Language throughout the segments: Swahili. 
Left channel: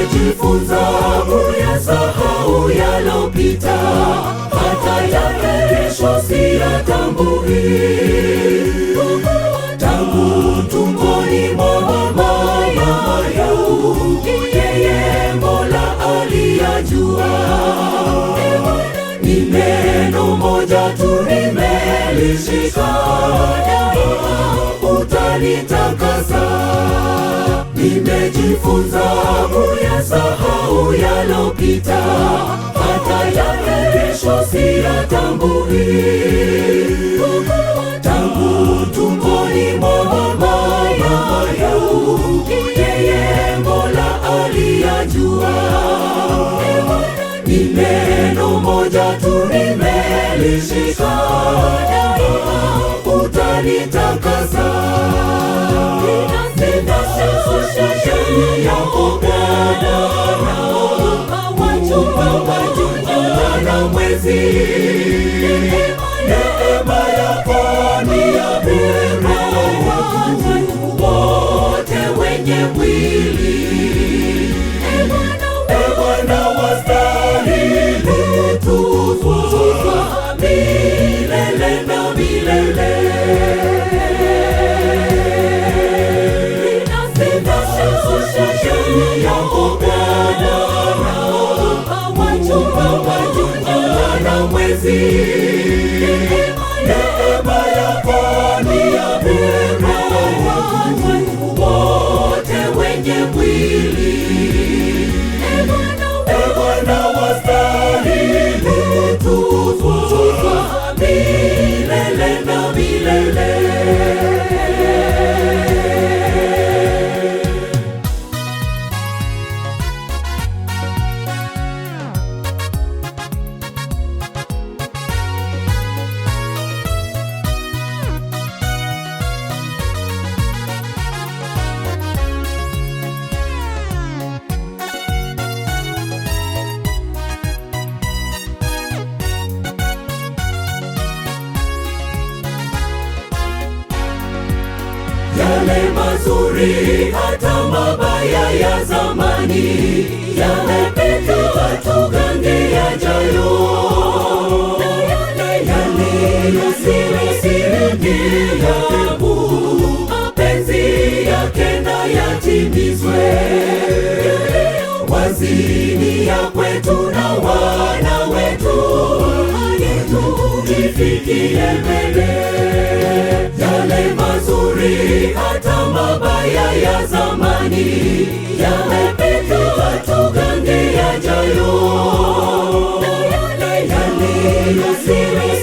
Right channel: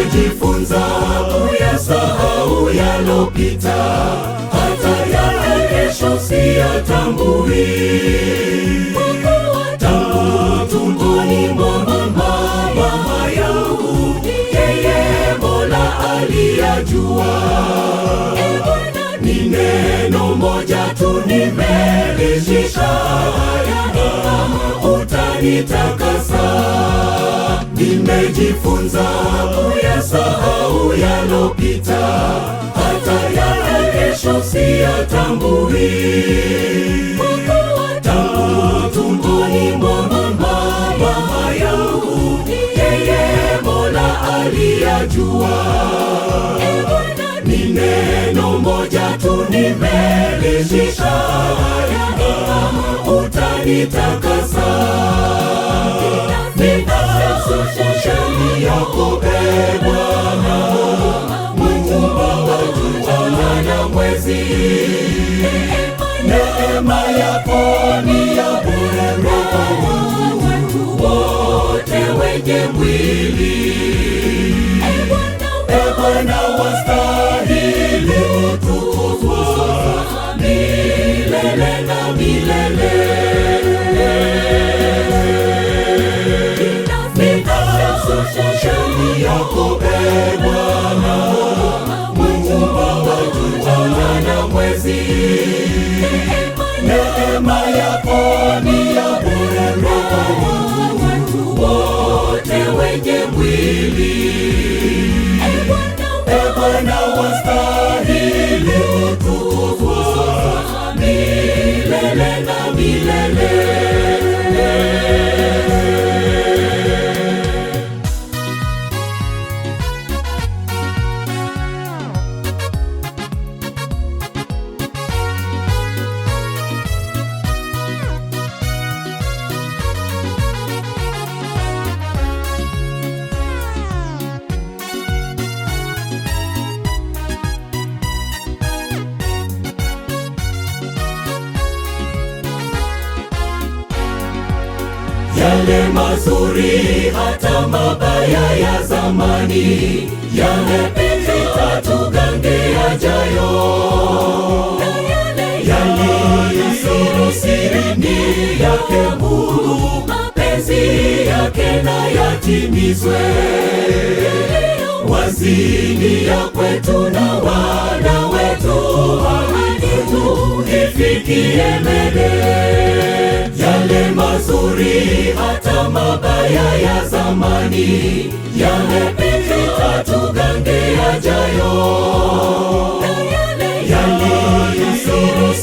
Nimejifunza kuyasahau yalopita, hata ya kesho siyatambui. Tangu tumboni mwa mama yangu, yeye Mola aliyajua. Ni neno moja tu nimelishika, utanitakasa. Nimejifunza kuyasahau yalopita, hata ya kesho siyatambui. Tangu tumboni mwa mama yangu, yeye Mola aliyajua. Ni neno moja tu nimelishika, utanitakasa. Shani yako Bwana, Muumba wa jua na mwezi. Neema yako ni ya bure, wote wenye mwili. Bwana wastahili kutukuzwa milele na milele. Shani yako Bwana, Muumba wa jua na mwezi. Neema yako ni ya bure, wote wenye mwili. Bwana wastahili kutukuzwa milele na milele. Yale mazuri hata mabaya ya zamani yamepita, tugange yajayo. Yaliyo siri ni yake Mungu, mapenzi yake na yatimizwe. Wazidi ya kwetu na wana wetu, ifikie mbele. Yale mazuri hata mabaya ya zamani yamepita, tugange yajayo. Yaliyo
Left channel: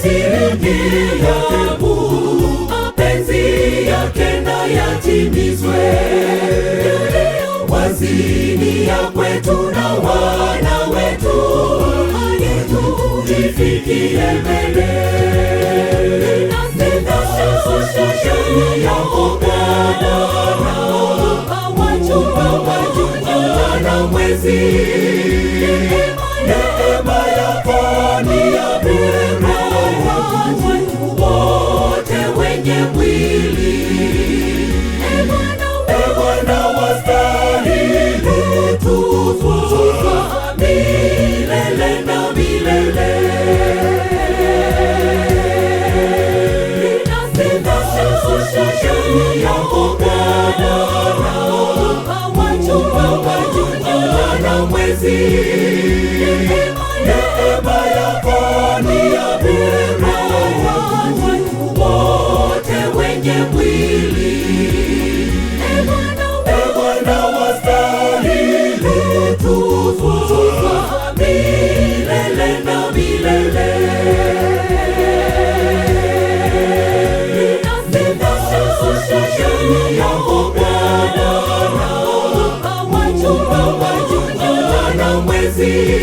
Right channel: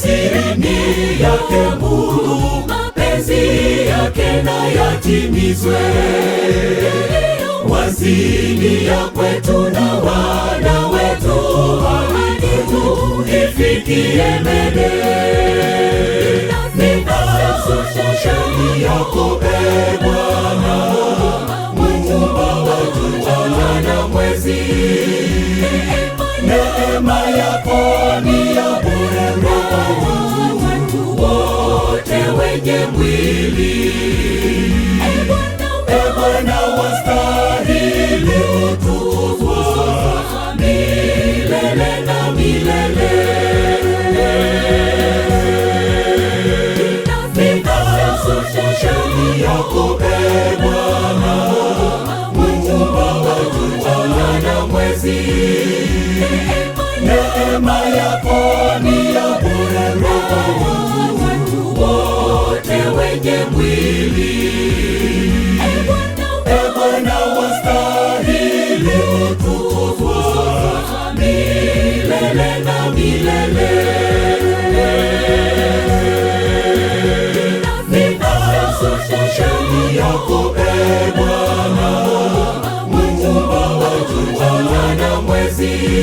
siri ni yake Mungu, mapenzi yake na yatimizwe. Wazidi ya kwetu na wana wetu, ifikie mbele. Shani yako Bwana, Muumba wa jua na mwezi. Neema yako ni ya bure, wote wenye mwili. Bwana wastahili kutukuzwa milele na milele. Shani yako Bwana, Muumba wa jua na mwezi. Neema yako ni ya bure, wote wenye mwili. Bwana wastahili kutukuzwa milele na milele. Shani yako Bwana, Muumba wa jua na mwezi.